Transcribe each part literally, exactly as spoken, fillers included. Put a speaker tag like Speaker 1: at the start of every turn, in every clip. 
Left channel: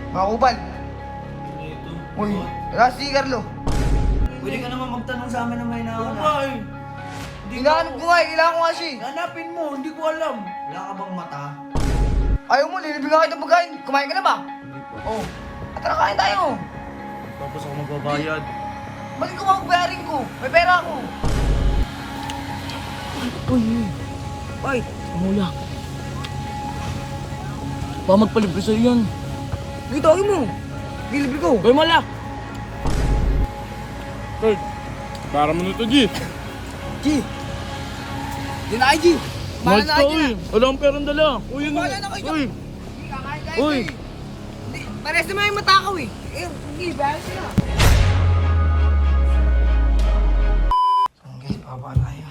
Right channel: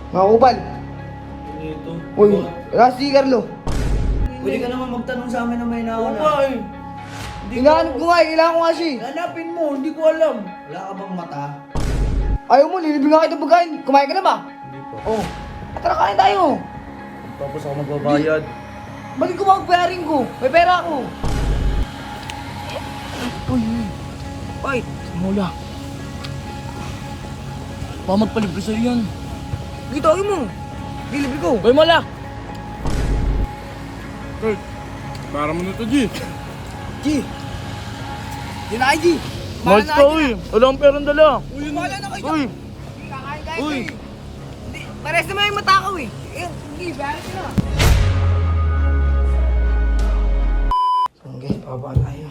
Speaker 1: Mga kupal.
Speaker 2: Ano ito?
Speaker 1: Uy, nasa si Carlo.
Speaker 2: Pwede ka naman magtanong sa amin na may
Speaker 3: Oo
Speaker 2: nauna.
Speaker 3: nga eh. Hindi ko...
Speaker 1: Hinahanap ko nga eh, kailangan ko nga siya eh.
Speaker 3: Hanapin mo, hindi ko alam.
Speaker 2: Wala ka bang mata?
Speaker 1: Ayaw mo, lilibing nga kita pagkain. Kumain ka na ba?
Speaker 2: Hindi pa.
Speaker 1: Oh. Tara, kain tayo.
Speaker 2: Tapos ako magbabayad.
Speaker 1: Bakit ko mag-pairing ko? May pera ako.
Speaker 3: Uy, uy. Fight. Mula. Baka magpalibre sa'yo yan.
Speaker 1: Gito, ayaw mo. Gilibre ko.
Speaker 3: Uy, mala.
Speaker 4: Kurt, para mo na to, G.
Speaker 1: G. Di na kayo, G. Bahala
Speaker 3: Malt
Speaker 1: na
Speaker 3: ka,
Speaker 1: kayo
Speaker 3: uy.
Speaker 1: dyan.
Speaker 3: Wala akong perang dala.
Speaker 1: Uy, bahala na kayo dyan.
Speaker 3: Uy.
Speaker 1: Hindi, kakain tayo
Speaker 3: Uy.
Speaker 1: eh. Hindi, pares naman yung matakaw eh. Eh, hindi, bahala sila. Okay, baba tayo.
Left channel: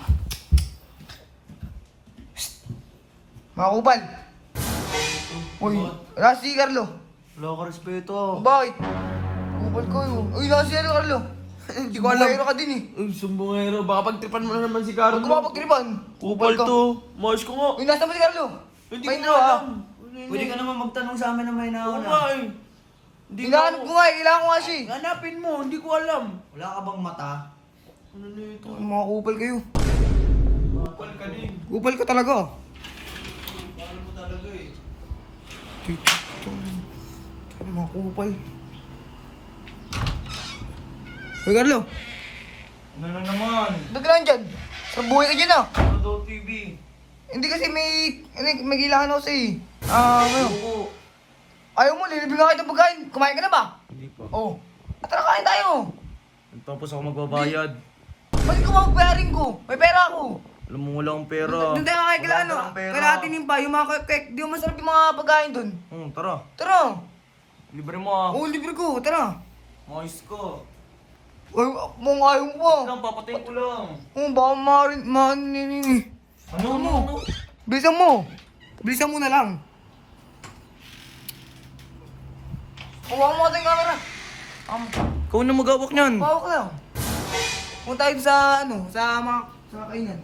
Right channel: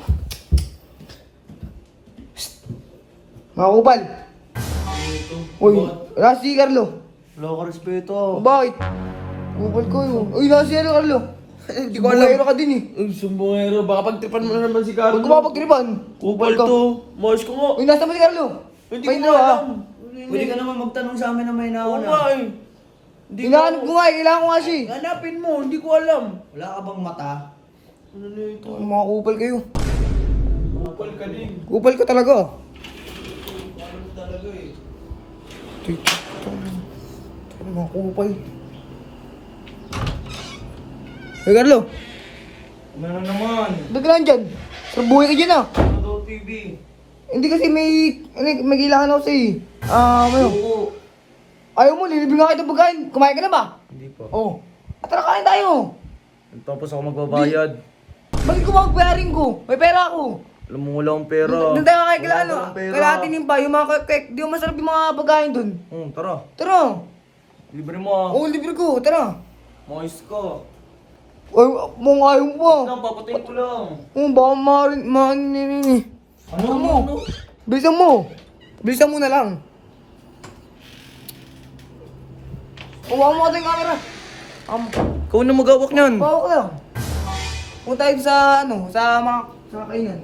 Speaker 1: Psst. Mga kupal. Uy, nasa si Carlo.
Speaker 2: Wala ka respeto.
Speaker 1: Bakit? Kupal ko yun. Uy, nasa si ano, Carlo? Hindi ko alam. Bumayero ka din eh.
Speaker 3: Uy, sumbongero. Baka pagtripan mo na naman si Carlo.
Speaker 1: Huwag ko mapagkripan.
Speaker 3: Upal to. Mayos ko nga.
Speaker 1: Uy, nasa mo si Carlo?
Speaker 3: Hindi
Speaker 1: May
Speaker 3: ko nga
Speaker 1: nauna.
Speaker 3: alam.
Speaker 2: Pwede ka naman magtanong sa amin na may
Speaker 3: Oo
Speaker 2: nauna.
Speaker 3: nga eh. Hindi ko...
Speaker 1: Hinahanap ko nga eh, kailangan ko nga siya eh.
Speaker 3: Hanapin mo, hindi ko alam.
Speaker 2: Wala ka bang mata?
Speaker 3: Ano na ito?
Speaker 1: Ay, mga kupal kayo.
Speaker 3: Upal ka din.
Speaker 1: Kupal ka talaga.
Speaker 3: Ano talaga eh.
Speaker 1: Ito, ito, ito, mga kupal. Hey, Carlo.
Speaker 2: Ano na naman?
Speaker 1: Ba't ka lang dyan? Sarbuhay ka dyan ah.
Speaker 2: Ano daw T V?
Speaker 1: Hindi kasi may, may, may kailangan ako sa'yo eh. Ah, ano?
Speaker 2: Oo.
Speaker 1: Ayaw mo, lilibing nga kita pagkain. Kumain ka na ba?
Speaker 2: Hindi pa.
Speaker 1: Oo. Oh. Tara, kain tayo.
Speaker 2: Tapos ako magbabayad.
Speaker 1: Bakit ko mag-pairing ko? May pera ako.
Speaker 2: Alam mo wala akong pera.
Speaker 1: Doon tayo kay kila ano,
Speaker 2: Wala akong pera.
Speaker 1: kila atin yung pa, yung mga kek, di mo masarap yung mga pagkain doon.
Speaker 2: Hmm, tara.
Speaker 1: Tara.
Speaker 2: Libre mo ah.
Speaker 1: Oo, libre ko, tara.
Speaker 2: Mais ka.
Speaker 1: Ay, mong ayaw mo ba?
Speaker 2: Lang, papatayin ko lang.
Speaker 1: Oo, baka maaaring, maaaring, eh.
Speaker 2: Ano
Speaker 1: Ano mo?
Speaker 2: Ano?
Speaker 1: Bilisan mo. Bilisan mo na lang. Huwag mo ating camera. Um,
Speaker 2: Ikaw na magawak niyan.
Speaker 1: bawa ko lang. Punta tayo sa, ano, sa mga, sa kainan.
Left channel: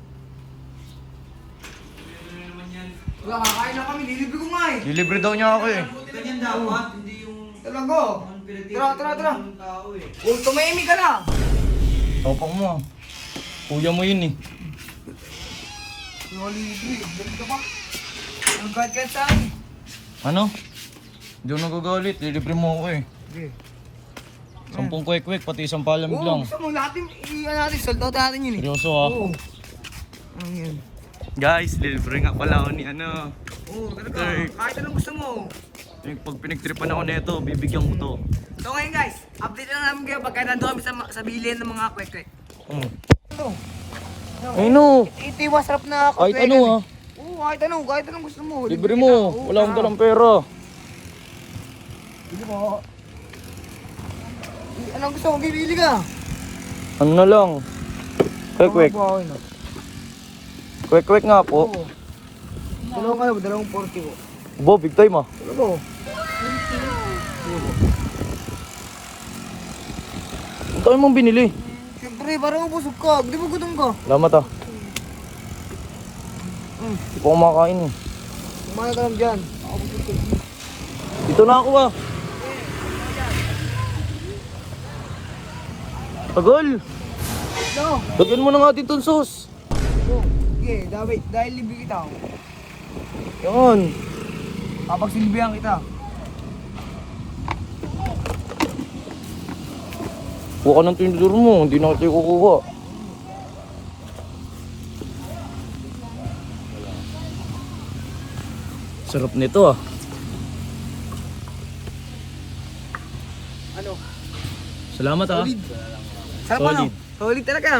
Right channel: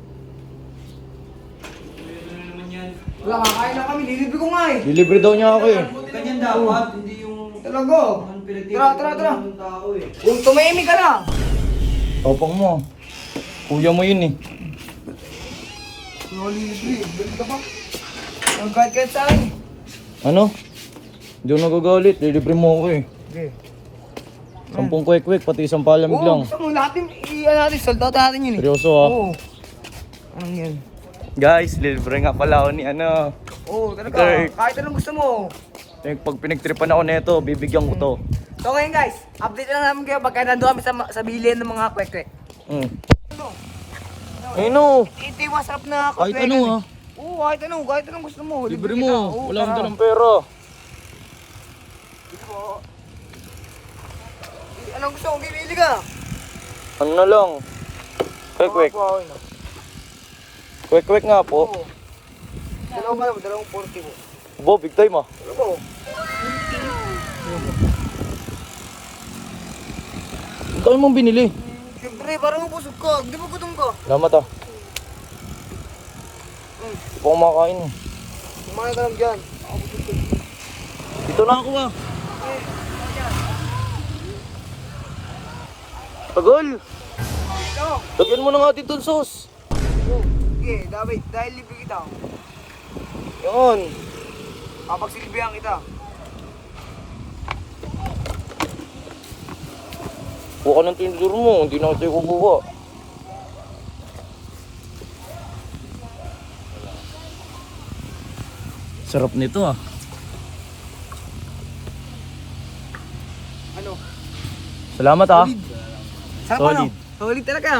Speaker 1: Wala, kakain na kami, lilibre ko nga eh.
Speaker 2: Dilibre daw niya ako eh. Ganyan dapat, hindi yung...
Speaker 1: Talaga. Tara, tara, tara.
Speaker 2: tao eh.
Speaker 1: Huwag tumahimik ka na.
Speaker 2: Topang mo. Kuya mo yun eh.
Speaker 1: Wala libre, balik ka pa. Nagkait-kait sa akin.
Speaker 2: Ano? Hindi ako nagagalit. Dilibre mo ako eh.
Speaker 1: Okay.
Speaker 2: Sampung kwek-kwek, pati isang palamig
Speaker 1: Oo,
Speaker 2: lang.
Speaker 1: gusto mo natin, i-ano natin, sold out natin yun eh.
Speaker 2: Seryoso ah.
Speaker 1: Oo. Ano yan?
Speaker 2: Guys, dilibre nga pala ako ni ano.
Speaker 1: Oo, talaga.
Speaker 2: Okay.
Speaker 1: Kahit anong gusto mo.
Speaker 2: Eh, pag pinagtripan ako nito, bibigyan ko to.
Speaker 1: So ngayon guys, update lang namin kayo pagka nandun kami sa, sa bilihan ng mga kwek-kwek.
Speaker 2: Mm.
Speaker 1: Ano?
Speaker 2: Ano?
Speaker 1: Ito, ito yung masarap na
Speaker 2: Kahit
Speaker 1: kwek-kwekan
Speaker 2: ano
Speaker 1: eh.
Speaker 2: ah.
Speaker 1: Oo, kahit ano, kahit anong gusto mo.
Speaker 2: Libre
Speaker 1: kita.
Speaker 2: mo.
Speaker 1: Oo,
Speaker 2: Wala akong
Speaker 1: tara.
Speaker 2: dalang pera.
Speaker 1: Libre mo. Anong gusto mo? Bibili ka.
Speaker 2: Ano na lang? Kwek-kwek.
Speaker 1: Mga buhawi, no?
Speaker 2: Kwek-kwek nga po.
Speaker 1: Oo. Dalawang ano, dalawang forty po.
Speaker 2: Bo, big time ah.
Speaker 1: Ano po?
Speaker 2: Ang dami mong binili.
Speaker 1: Siyempre, parang busog ka. Di ba gutom ka?
Speaker 2: Salamat ah.
Speaker 1: Mm.
Speaker 2: Hindi ko kumakain eh.
Speaker 1: Kumain ka lang dyan.
Speaker 2: Dito na ako ah.
Speaker 1: Eh, ako dyan.
Speaker 2: Agol!
Speaker 1: Ano?
Speaker 2: Lagyan mo na nga dito sauce.
Speaker 1: Okay, David, dahil libre kita.
Speaker 2: Yun.
Speaker 1: Kapag silbihan kita.
Speaker 2: Kuha ka ng tinidor mo. Hindi na kita kukuha. Sarap nito ah.
Speaker 1: Ano?
Speaker 2: Salamat ah.
Speaker 1: Solid. Sarap
Speaker 2: Solid.
Speaker 1: ano? Solid talaga.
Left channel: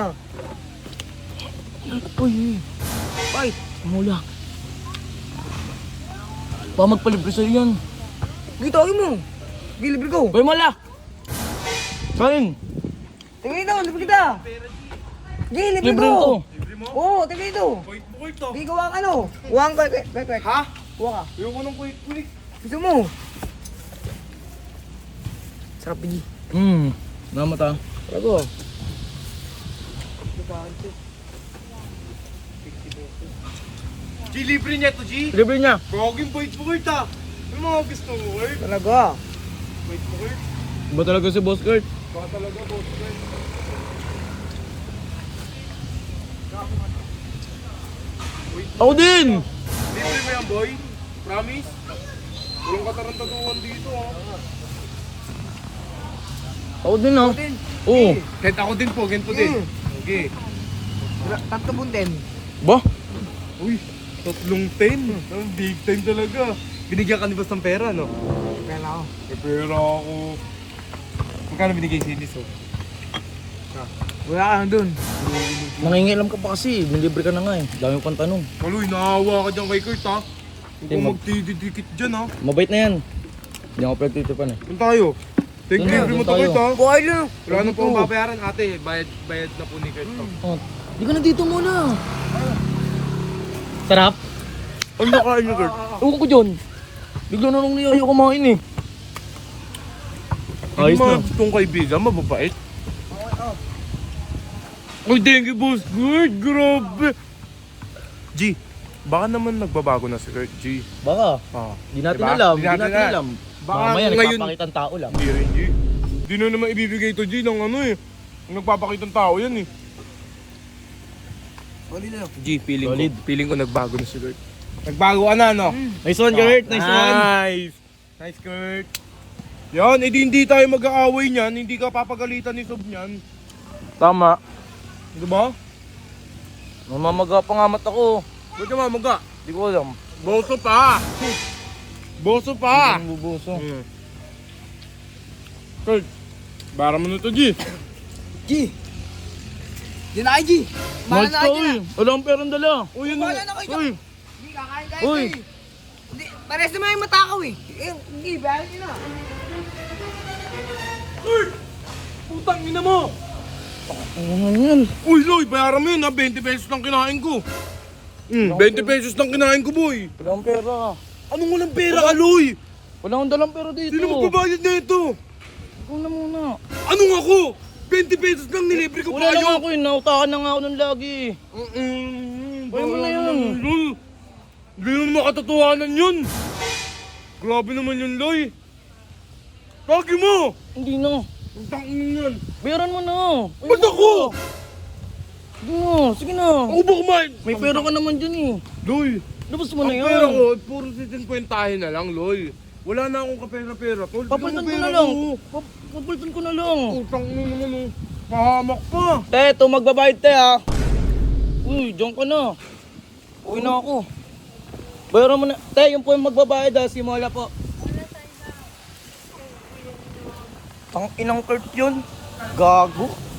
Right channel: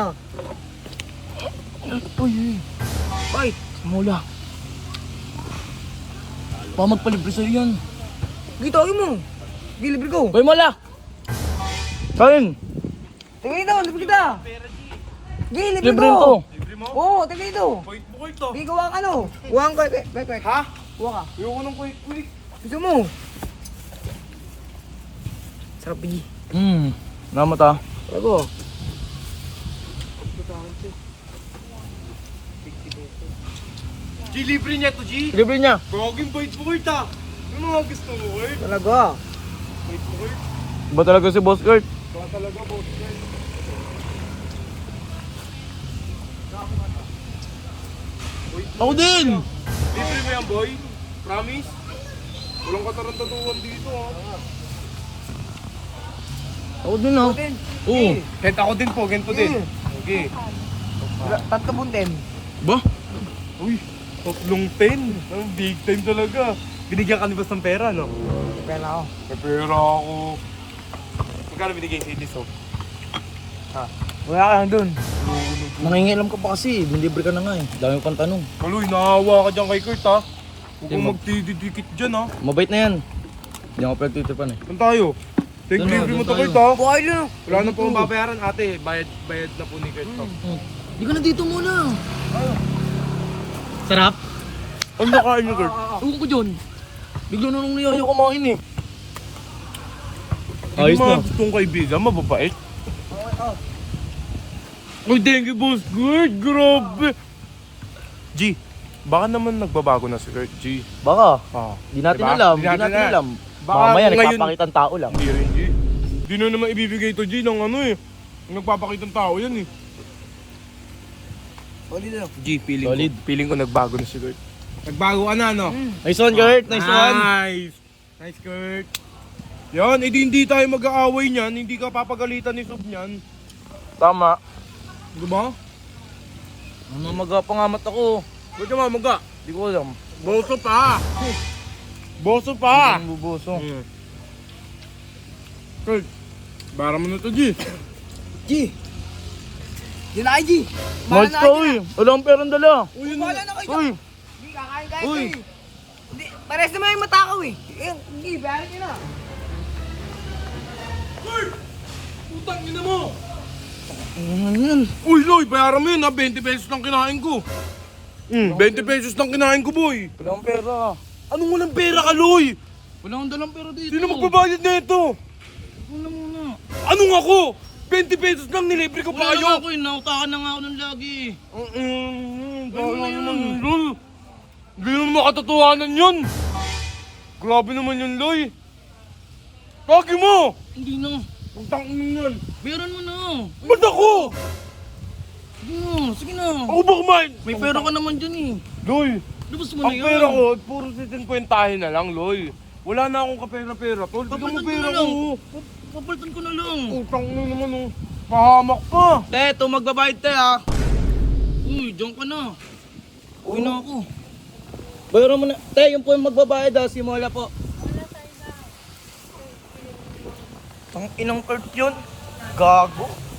Speaker 1: Uy, uy. Bakit?
Speaker 3: Mula. Baka magpalibre sa'yo yan.
Speaker 1: Gito, ayaw mo. Gilibre ko.
Speaker 3: Uy, mala.
Speaker 2: Kain!
Speaker 1: Tingnan ito, libre kita. Gilibre
Speaker 3: Libre
Speaker 1: ko.
Speaker 3: ko.
Speaker 1: Oo, tingnan ito.
Speaker 4: Wait mo ito.
Speaker 1: Di ko ang ano. Uwang kwek, kwek, kwek, kwek.
Speaker 4: Ha?
Speaker 1: Uwang ka.
Speaker 4: Ayoko ng quick quick.
Speaker 1: Gusto mo? Sarap bigi.
Speaker 2: Hmm. Salamat ah.
Speaker 1: Talaga.
Speaker 4: G, libre niya to, G.
Speaker 2: Libre niya.
Speaker 4: Gagawin bait mo kita. Yung mga gusto mo, Kurt.
Speaker 1: Talaga.
Speaker 4: Wait mo, Kurt.
Speaker 2: Ba talaga si Boss Kurt?
Speaker 4: Baka talaga, boss, Kurt.
Speaker 2: Ako din!
Speaker 4: Libre mo yan, boy. Promise? Walang katarantaduhan dito, ha.
Speaker 2: Ako din ah.
Speaker 1: Din.
Speaker 2: Oo.
Speaker 4: Kahit ako din po, ganito din. Okay.
Speaker 1: Tatlo bunten.
Speaker 2: Ba?
Speaker 4: Uy, tatlong ten. Ang big time talaga. Binigyan ka ni boss ng pera, no?
Speaker 1: Pera ako.
Speaker 4: May pera ako. Magkano binigay si Liso?
Speaker 1: Wala ka lang dun.
Speaker 2: Nangingilam ka pa kasi. Nilibre ka na nga eh. Dami pang tanong.
Speaker 4: Kaloy, nahawa ka dyan kay Kurt, ha? Huwag
Speaker 2: Di
Speaker 4: kang
Speaker 2: mag-
Speaker 4: magtididikit dyan, ha?
Speaker 2: Mabait na yan. Hindi ako pagtitipan eh.
Speaker 4: Saan tayo? Take
Speaker 2: Doon na,
Speaker 4: delivery mo
Speaker 2: doon
Speaker 4: to,
Speaker 2: tayo.
Speaker 4: Kurt, ha?
Speaker 1: Buhay lang.
Speaker 4: Wala na po akong babayaran, ate. Bayad, bayad na po ni Kurt to.
Speaker 2: Oh. Di ka na dito muna. Sarap.
Speaker 4: Ano nakain niyo, Kurt?
Speaker 2: Ewan ko dyan. Bigla na nung niyayaw kumain eh.
Speaker 4: Yung
Speaker 2: Ayos
Speaker 4: mga
Speaker 2: na.
Speaker 4: gustong kaibigan, mababait. Uy, thank you, boss. Kurt, grabe. G, baka naman nagbabago na si Kurt, G.
Speaker 2: Baka.
Speaker 4: Ah,
Speaker 2: Di natin
Speaker 4: diba?
Speaker 2: alam.
Speaker 4: Di
Speaker 2: Di natin,
Speaker 4: natin
Speaker 2: alam.
Speaker 4: Baka
Speaker 2: Mamaya
Speaker 4: ngayon-
Speaker 2: nagpapakita ng tao lang.
Speaker 4: Hindi rin, G. Di na naman ibibigay to, G, ng ano eh. Ang nagpapakitang tao yan eh.
Speaker 1: Solid na.
Speaker 4: G, feeling
Speaker 2: Solid.
Speaker 4: ko, feeling ko nagbago na si Kurt. Nagbago ka na, no?
Speaker 2: Nice one, Kurt. Nice one.
Speaker 4: Nice. Nice, Kurt. Yan, edi hindi tayo mag-aaway niyan, hindi ka papagalitan ni Sub niyan.
Speaker 2: Tama.
Speaker 4: Di ba?
Speaker 2: Mamamaga pa nga mata ko.
Speaker 4: Ba't ka mamaga?
Speaker 2: Di ko alam.
Speaker 4: Boso pa! Boso pa!
Speaker 2: Ang bubuso.
Speaker 4: Hmm. Kurt, bara mo na to, G.
Speaker 1: G. Di na kayo, G.
Speaker 2: Mahal
Speaker 1: Mahal na
Speaker 2: ka
Speaker 1: kayo
Speaker 2: uy.
Speaker 1: dyan.
Speaker 2: Wala akong perang dala.
Speaker 4: Uy, yun
Speaker 1: Wala na kayo dyan.
Speaker 4: Uy,
Speaker 1: Hindi, kakain kayo
Speaker 2: Uy.
Speaker 1: eh. Hindi, pares naman yung matakaw eh. Eh, Hindi, bayaran nyo na.
Speaker 4: putang ina mo!
Speaker 2: Ano yan?
Speaker 4: Uy, Loy, bayaran mo yun ha, twenty pesos lang kinain ko. Hmm, twenty pesos lang kinain ko, boy.
Speaker 2: Wala akong pera.
Speaker 4: Anong walang pera ka, Loy?
Speaker 2: Wala akong dalang pera dito.
Speaker 4: Sino magbabayad na ito?
Speaker 2: Ikaw na muna.
Speaker 4: Anong ako? twenty pesos lang nilibre ko
Speaker 2: Wala
Speaker 4: pa
Speaker 2: lang
Speaker 4: kayo.
Speaker 2: ako eh. Nautakan na nga ako ng lagi.
Speaker 4: Mm-mm,
Speaker 2: Wala mo na
Speaker 4: bahala
Speaker 2: yun.
Speaker 4: naman yun, Lol. Hindi naman makatotohanan yun. Grabe naman yun, Loy. Pagi mo!
Speaker 2: Hindi na.
Speaker 4: Ang tangin yan.
Speaker 2: Bayaran mo na.
Speaker 4: Ba't ako?
Speaker 2: Hindi na. Sige na.
Speaker 4: Ako ba kumain?
Speaker 2: May pera ka naman dyan eh.
Speaker 4: Loy,
Speaker 2: Labas mo na
Speaker 4: ang
Speaker 2: yan.
Speaker 4: pera ko, puro sisinkwentahin na lang, Loy. Wala na akong kapera-pera, tol. Bigyan mo
Speaker 2: Papalitan ko
Speaker 4: pera
Speaker 2: na lang.
Speaker 4: ko.
Speaker 2: Pap- Papalitan ko na lang.
Speaker 4: Utang mo naman, oh. Pahamak pa.
Speaker 2: Te, ito magbabayad te ha. Uy, diyan ka na. Uwi na ako. Bayaran mo na. Te, yung po yung magbabayad ha. Si Mola po. Tang inang Kurt yun. Gago.